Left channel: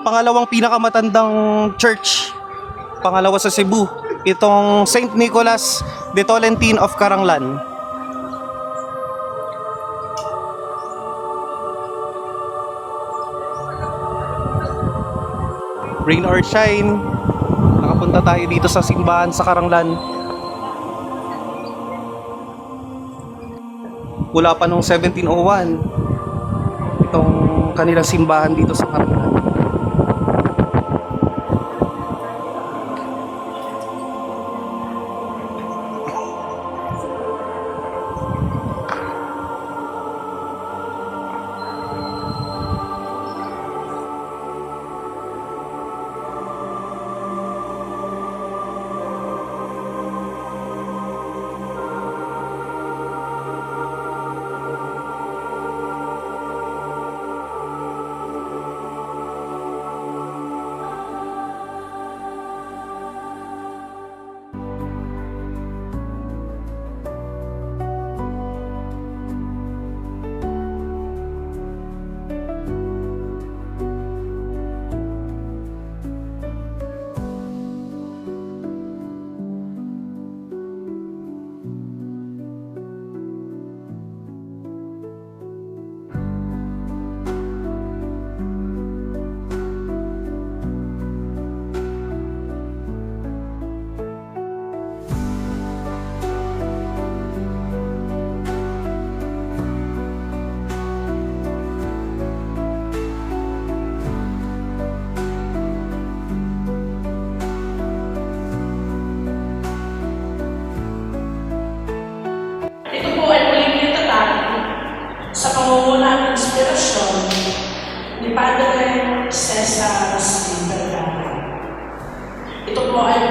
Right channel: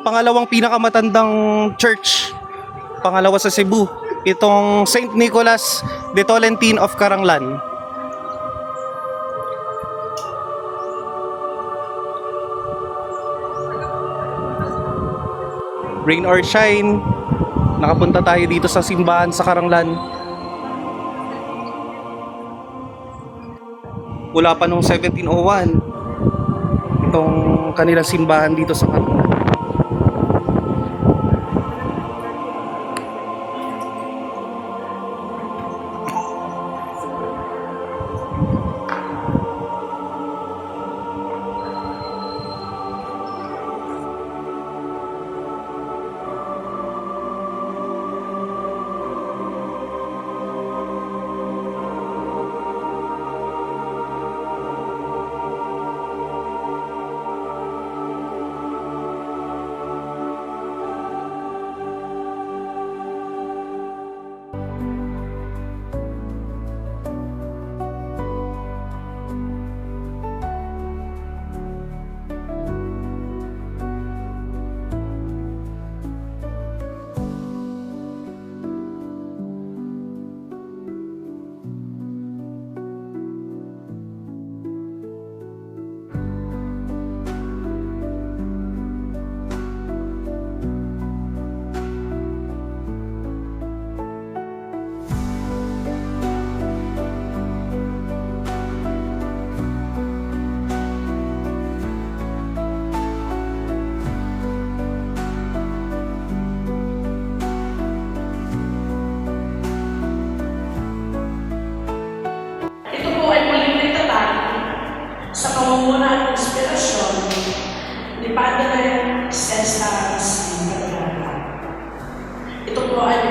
Pangalawang pinakamatandang church, pangalawa sa Cebu, itong St. Nicholas de Tolentine of Caranglan. Rain or shine, nakapunta tayo dito sa simbahan sa Karanglan. Wala pa nung 1701 itong kanilang simbahan dito sa Karanglan.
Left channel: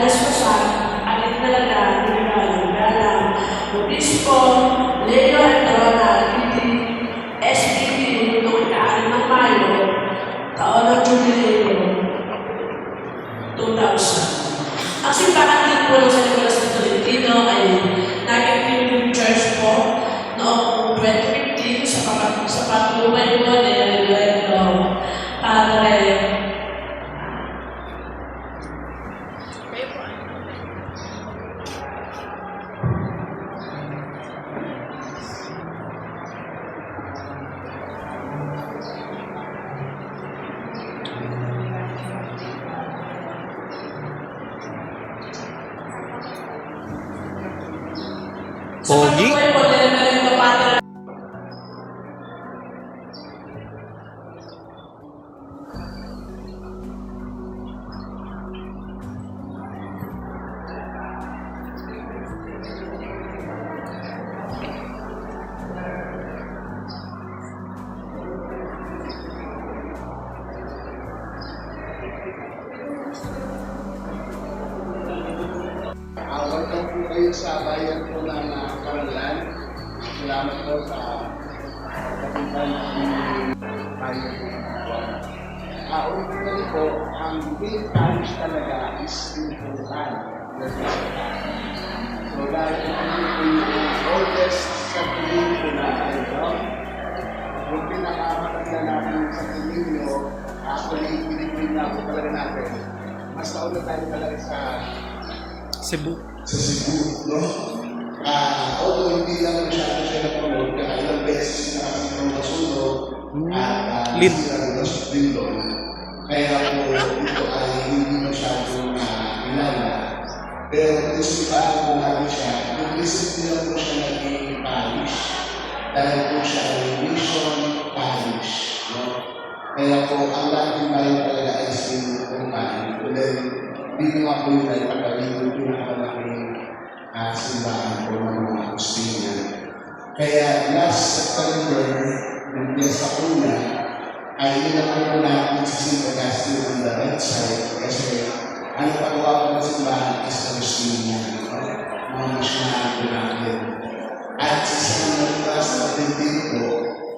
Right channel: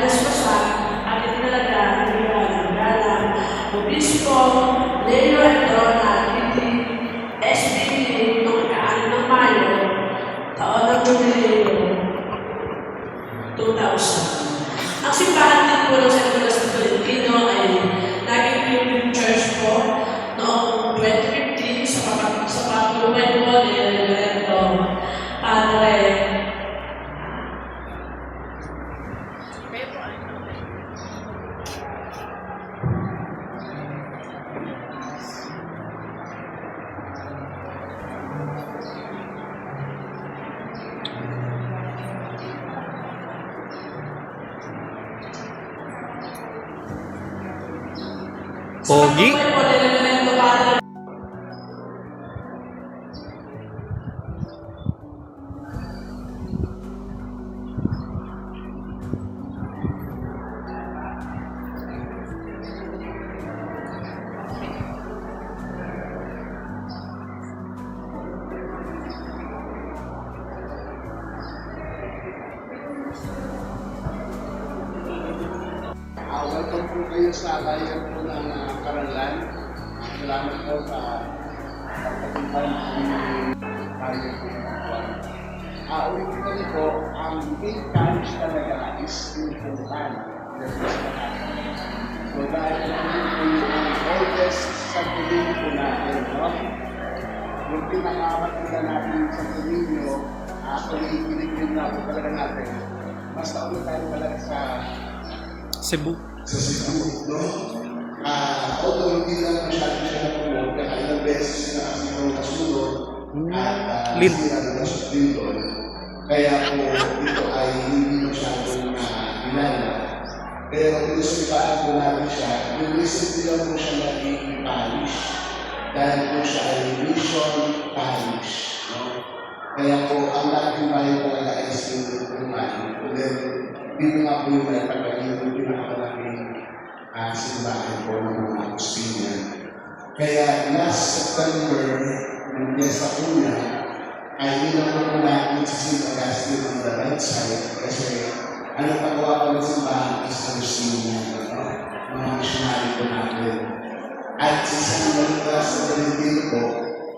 Naspasan at itinalaga ni Vergara, Obispo Leo Adrona po kayo sa bayan po ng uh, Karalan. Salamat po sa pagkakumpay ng tayo po ng buwan. Uh, originally po, ang main parish talaga is in Pulkan. So dahil ito po yung oldest sa tuloy po natin, no? Yung pinakamatanda natin sa Tulinyo, actually, pinigil na po talaga natin. Mas taon na tayo talaga sa Cebu. sa Cebu, no? Ah, although hindi lang masyado siya napromote, kaya ilang beses na kami nung kasunod at uh, Lead. na din doon. Kaya po ito ay hindi masyado na kilala. Pero inusikaan po namin siya, yung recently lang po siya naging parish. Dahil po siya ay mission parish. No? Kaya po, ang lahat ng bayan talaga ay sinunod And then, dito nga po yung nagpagaling yung pinakamalaking uh, Kaya last September, ng Piesta Una, ay po natin sa. Augustine on the right side kasi ang pagawa po ng simbahan is Agustinian. No? Mga missionary po natin. At si St. Nicholas Valentino po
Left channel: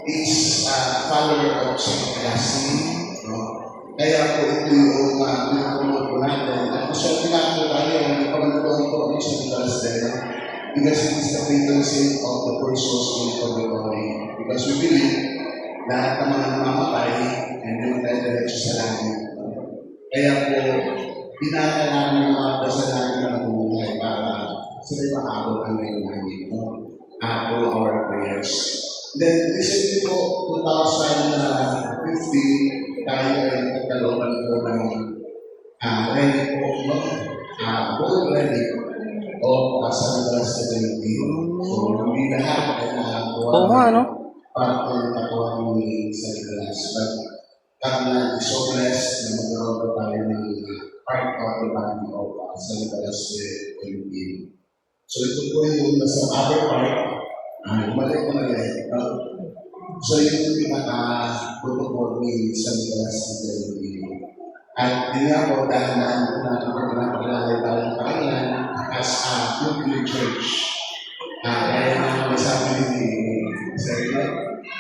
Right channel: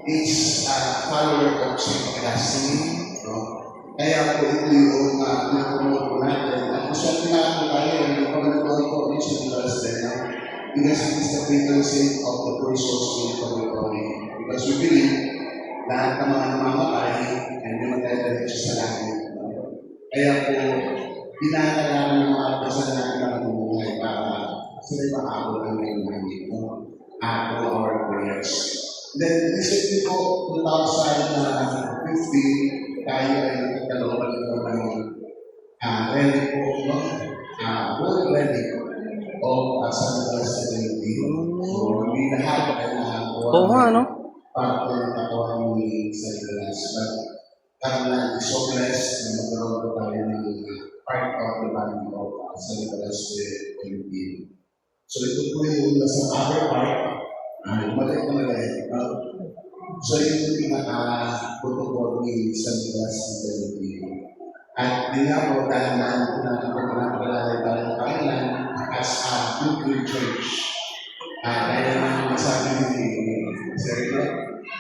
is a follower of St. Augustine. No? Kaya po ito yung uh, pinapromote po natin. At gusto ko nga po yung pagkakataon po ni St. Nicholas Dela because it is the patron saint of the persons in purgatory. Because we believe lahat ng mga namamatay hindi naman tayo diretso sa langit. Kaya po, pinakailangan ng mga kasalanan ng buhay para sila makaabot ang ngayong langit. Uh, all our prayers. Then, recently po, 2015, tayo ay nagkaroon ng uh, ready po, uh, full o uh, sa Community. So, hindi lahat ay nakakuha Oo nga, no? para po nakakuha ni sa Nicolas. But, kami so blessed na magkaroon po tayo ng uh, part of the body of uh, sa Nicolas Community. So, ito po yung nasa other part, uh, maliit na maliit. no? So, yung pinaka-protocol ni San Nicolas Community. At po dahil na napagkakalalay tayo ng pangalan as a Nuclear Church. Ah, kaya naman nasabi ni Sir Ino,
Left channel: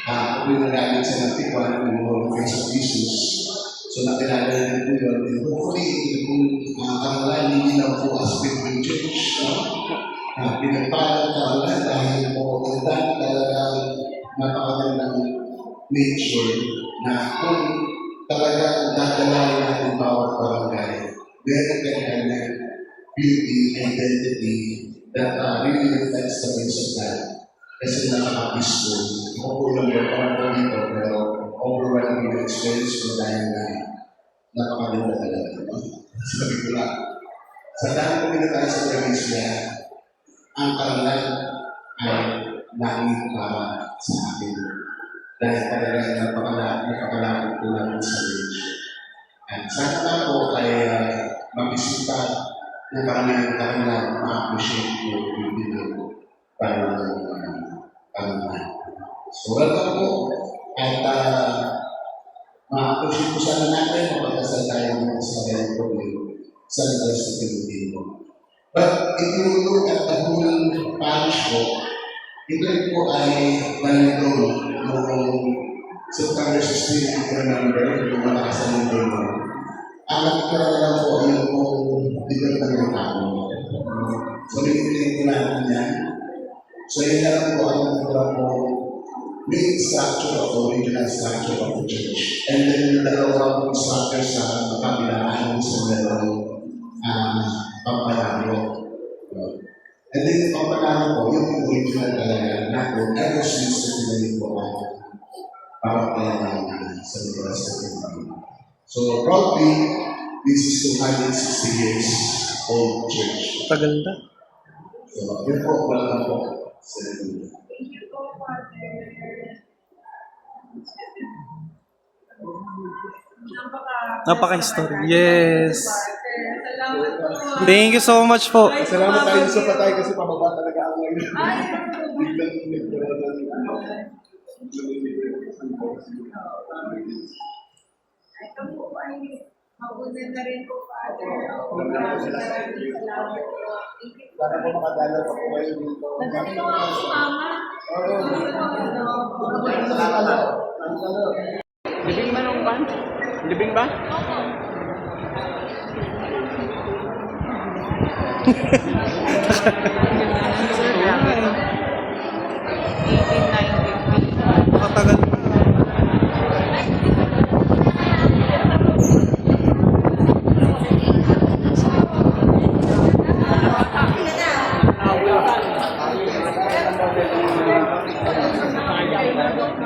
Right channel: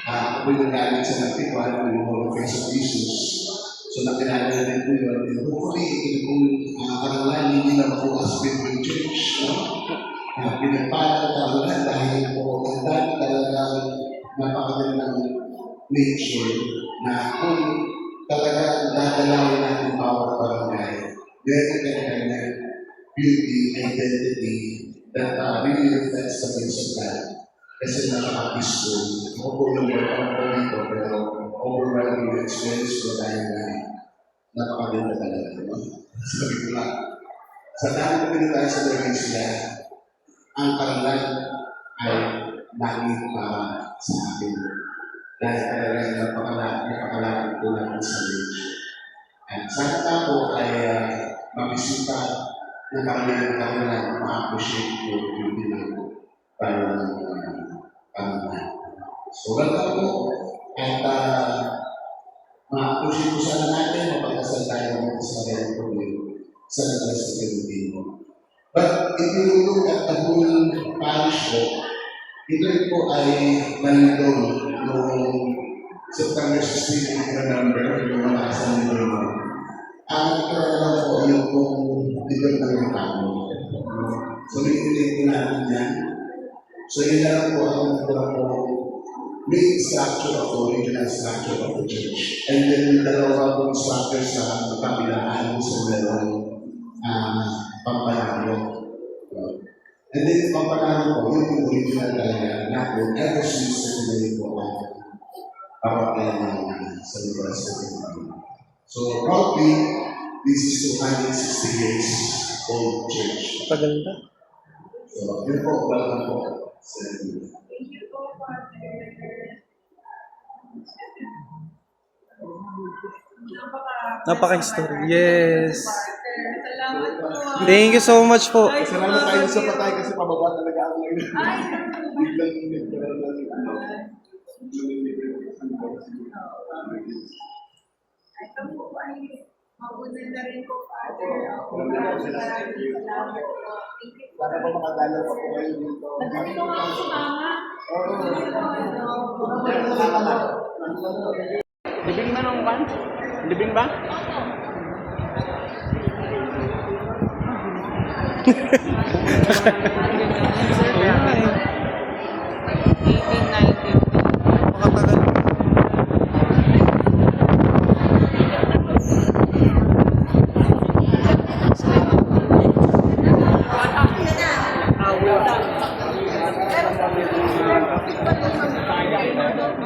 ah, kung nagalit sa natikwan ng mga of Jesus, so nakilala na rin po yun. And hopefully, kung uh, pangalan hindi lang po as Nuclear Church, no? Ah, pinagpala ang pangalan dahil po ang dami talagang napakagandang nature na kung talagang dadalawin natin bawat barangay, meron kanya beauty, identity that uh, really reflects the face of God. Kasi nakaka-peaceful. Ako po lang yung ako dito, pero overwhelming na experience ko dahil na napakaganda talaga. No? Sabi ko lang, sa dami ko pinatay sa probinsya, ang karangal ay langit para sa akin. Dahil talagang napakalapit, napakalapit ko lang sa range. At sana pa po ay uh, mabisita na kami ng kanilang ma-appreciate ko yung pinag para uh, So, welcome po. At uh, ma-appreciate ko sana natin mapagkasal tayo ng sa kanyang problem sa Nicolas na Pilipino. But if you look at the whole parish po, rin po ay nangyaro noong September 16, if you remember, yung mga kasal ng Lord. Ang nakikita na lang po yung kung different ng mga tao. So, nilipilit ko natin yan. So, yun lang po ang nakikita po main structure of the original structure of the church. And then, yung dalawa pong structure sa kabilaan sa meron um, pampanalo. And then, yung pampanalo po, yun yung original talaga na po, ever since na sinayin po ang pampanalo sa lugar sa Pilipinas. So probably this is 260 years old church. Tagal na. So yun po, welcome po sa Napaka-history. Yes. Salamat po. Thank you so much po. Salamat tayo sa patay kasi pababa talaga ako ngayon. Ay, Biglang nagkaroon ng ito po ay mabunan na rin po, Father. Maraming salamat po. Thank you po. Para po makadalaw pa po kayo dito. Nandito nga ako si Mama. Salamat. Libing man ang kan? Libing ba?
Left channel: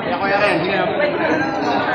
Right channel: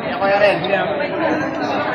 Ya, kaya rin, hindi na